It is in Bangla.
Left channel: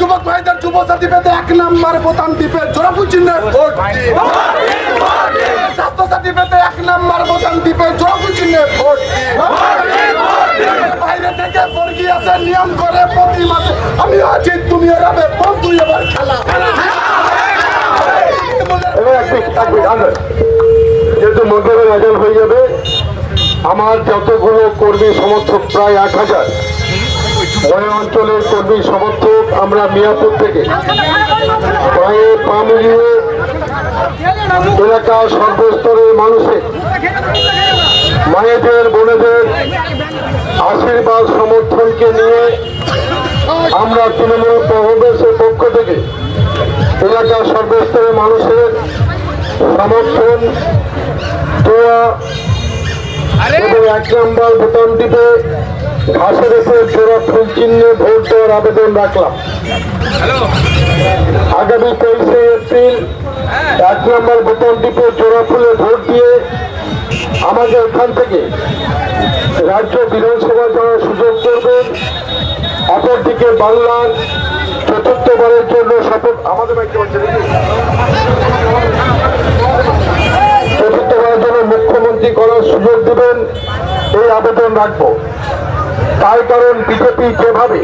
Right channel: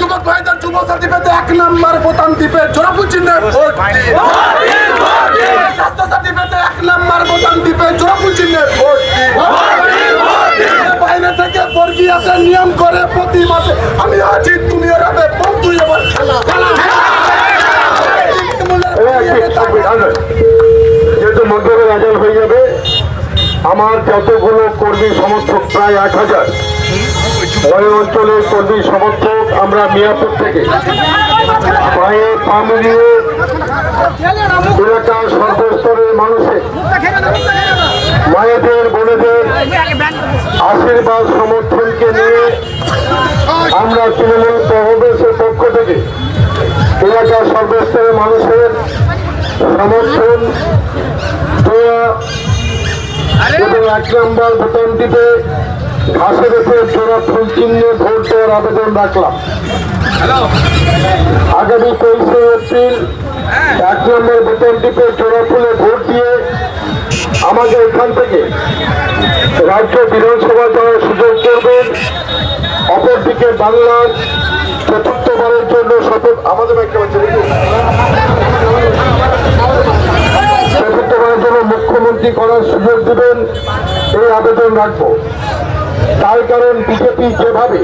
যুবক ভাইদের যুব সাথী পেতে 1 নম্বর বোতাম টিপে জোড়াফুল চিহ্নে ভোট দিন। স্বাস্থ্য সাথী পেতে 1 নম্বর বোতাম টিপে জোড়াফুল চিহ্নে ভোট দিন। বাইরে থেকে বর্গী আসে নিয়ম করে প্রতি মাসে আমি আছি তুমি ওরাবে বন্ধু আমার খেলা যেহেতু মধ্যে রেজাল্ট হয়ে যাবে, আমার যতগুলো কর্মী সমর্থক প্রায় 8000 ওই অঞ্চলের কর্মী সমর্থক আমরা মিয়াপুর থেকে প্রায় মিলিয়ে এলাকার সর্বস্তরের মানুষের মায়েদের বোনেদের আশীর্বাদ সমর্থনকে নিয়ে আমরা তৃণমূল কংগ্রেসের পক্ষ থেকে এলাকার সর্বস্তরের মানুষের সমর্থন দেওয়া এবং 1 নম্বর বোতাম টিপে ঘাসের উপর জোড়া ফুল চিহ্নে ভোট দেওয়ার আবেদন রাখলাম। আগামী 23শে এপ্রিল 1 নম্বর বোতাম টিপে জোড়া ফুলে ভোট দিয়ে আমাকে এখান থেকে রাজ্য বিধানসভা যাওয়ার সুযোগ করবেন। অপরদিকে বাংলার চতুর্থবারের জন্য শপথ আমাদের চতুর্থবারের জন্য মুখ্যমন্ত্রী করার সুযোগ দেবেন, এই আবেদন রাখবো। তার কারণ বিজেপি যেভাবে